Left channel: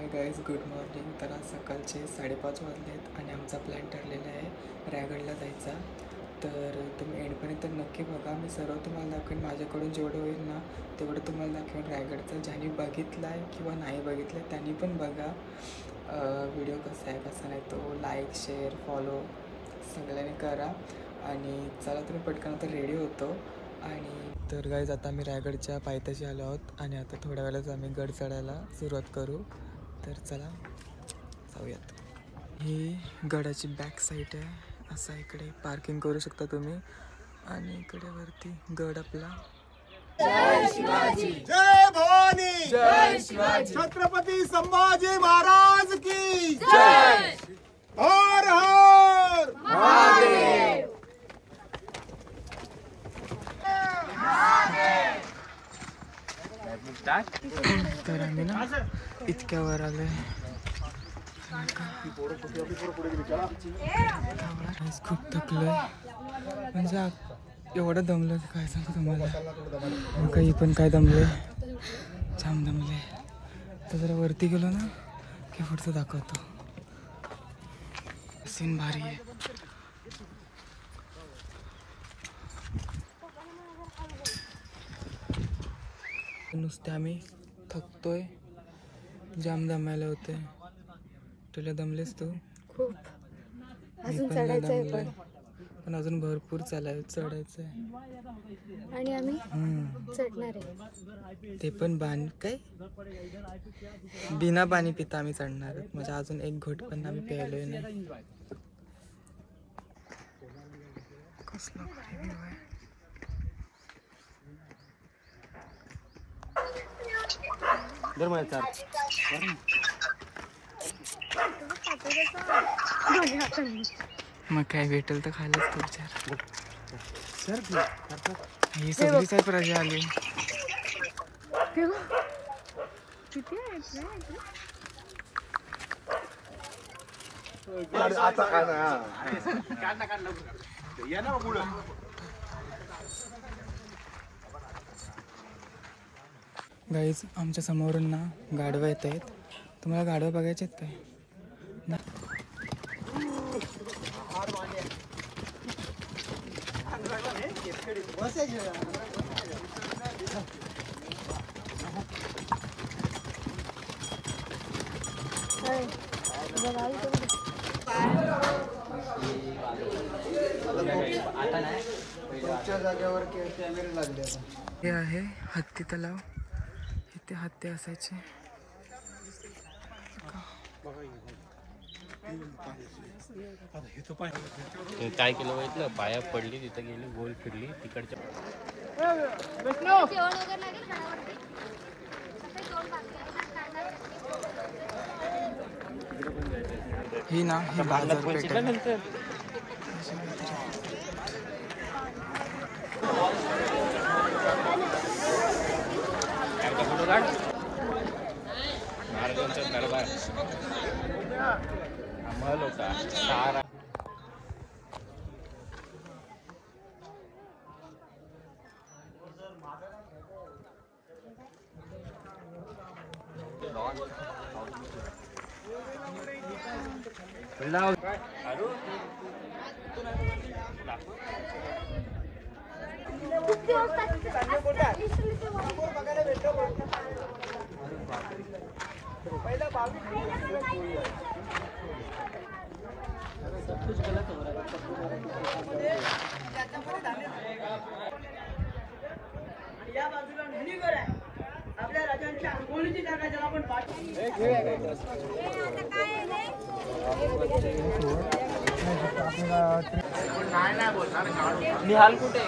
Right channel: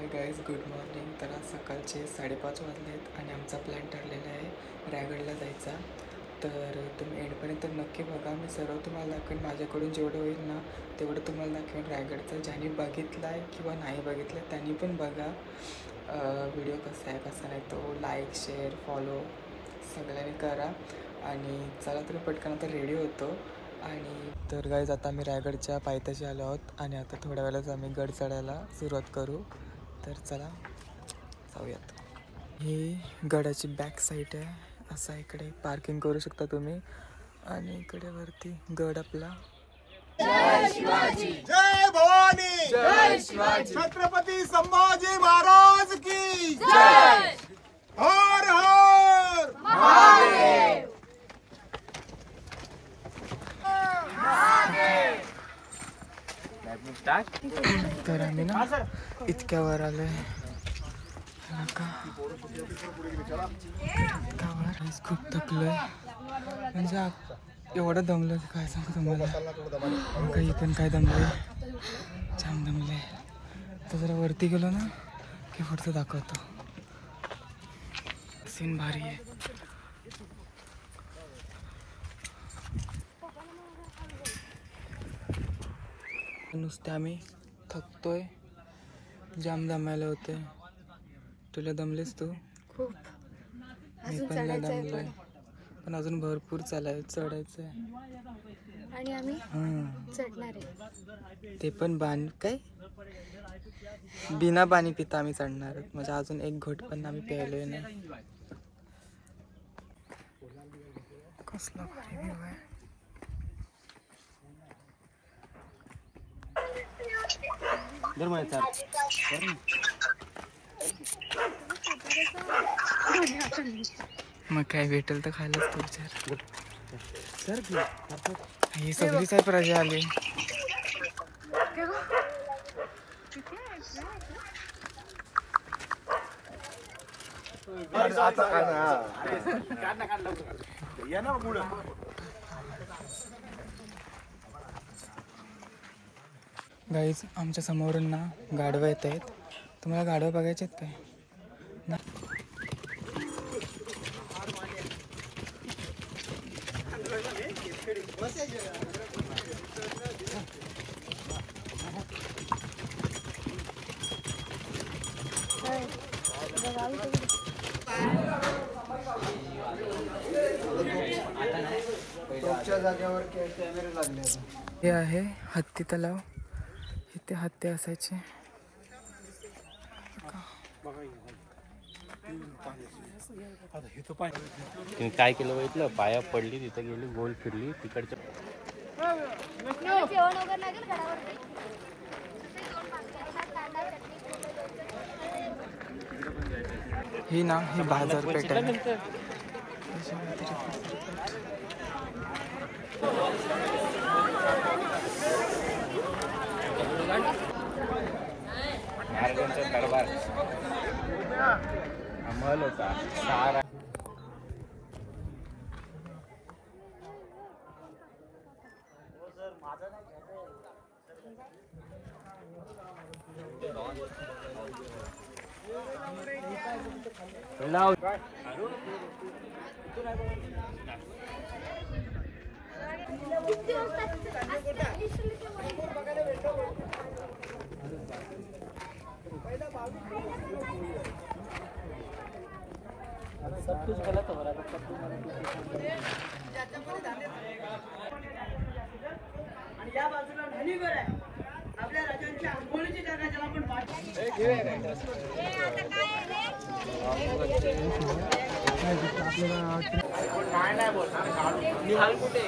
Hi guys, good morning. तर आज सकाळचे 5:30 वाजले आहेत आणि आमचा प्लॅन ठरलेला आहे रायगडला जायचा. तर तुम्ही एंडपर्यंत नक्की बघा. मी सर्व तुम्हाला दाखवेन, माझ्याकडून जेवढं होईल ना तेवढं तुम्हाला दाखवेन रायगडचं. ज्यांनी बघितला आहे किंवा नाही बघितलं आहे त्यांनी पण बघा. व्हिडिओ कसा आहे कसा नाही तो लाईक शेअर फॉलो सगळ्यांनी करा. आणि चला तुम्ही पटकन आता रेडी होतो. आणि तर गाईज आता आम्ही रायगडच्या पायथ्याशी आलो आहोत आणि आता थोड्या वेळाच आम्ही गड चढायला सुरुवात करू. तर चला जाऊयात. ही गडाची बॅक साईड आहे. असा इकडे पार्किंग करू शकता तुम्ही. आणि इकडे वरती गड आपला. जय शिवाजी, जय भवानी, जय शिवाजी, छत्रपती संभाजी महाराज की जय. हर हर महादेव. तर आम्ही ना इतक्या वर आलोय. खूप थकलोय, म्हणजे एवढं दमलं की काय सांगू तुम्हाला. काही पण काय दमले, छान दमले. तर जरा वरती गेलो ना की पुढचं दाखवतो. सीन भारी आहे. नुसते आम्ही थकतोय, जाम दमायला होते. तुला दमलेस तू? खूप. मी पण नाही दमलोय, पण अजून भरपूर चढायचं आहे. आणि आम्ही चढणार आहे. ते पण काय बिना पाणी पिता आम्ही चढणार आहोत. म्हणजे अजून एक घोट पण आम्ही प्यायलोय नाही. कसला भारी व्ह्यू आहे. मग काय भेटेल तर खायलाच तू विचार. ही सगळीच आहे प्रजा आली. गाईज, आमच्या समोरून ना गाढवं येत आहेत. तुम्हाला गाढवं बघायचे आहेत काय? हे आहे हत्ती तलाव. इथे हत्ती असायचे. काय केलं माहिती ना, पाया पडली तिथे गेली गोल फिरली तिकडच्या. ही ना ही बाजारपेठ आहे. सब कुछ गलत हो रहा है. या बाजूला नाही घर आहे. आपल्या राजांच्या अंघोळीची जागा ज्याला आपण नाही बोलणार. निहाल कुठे?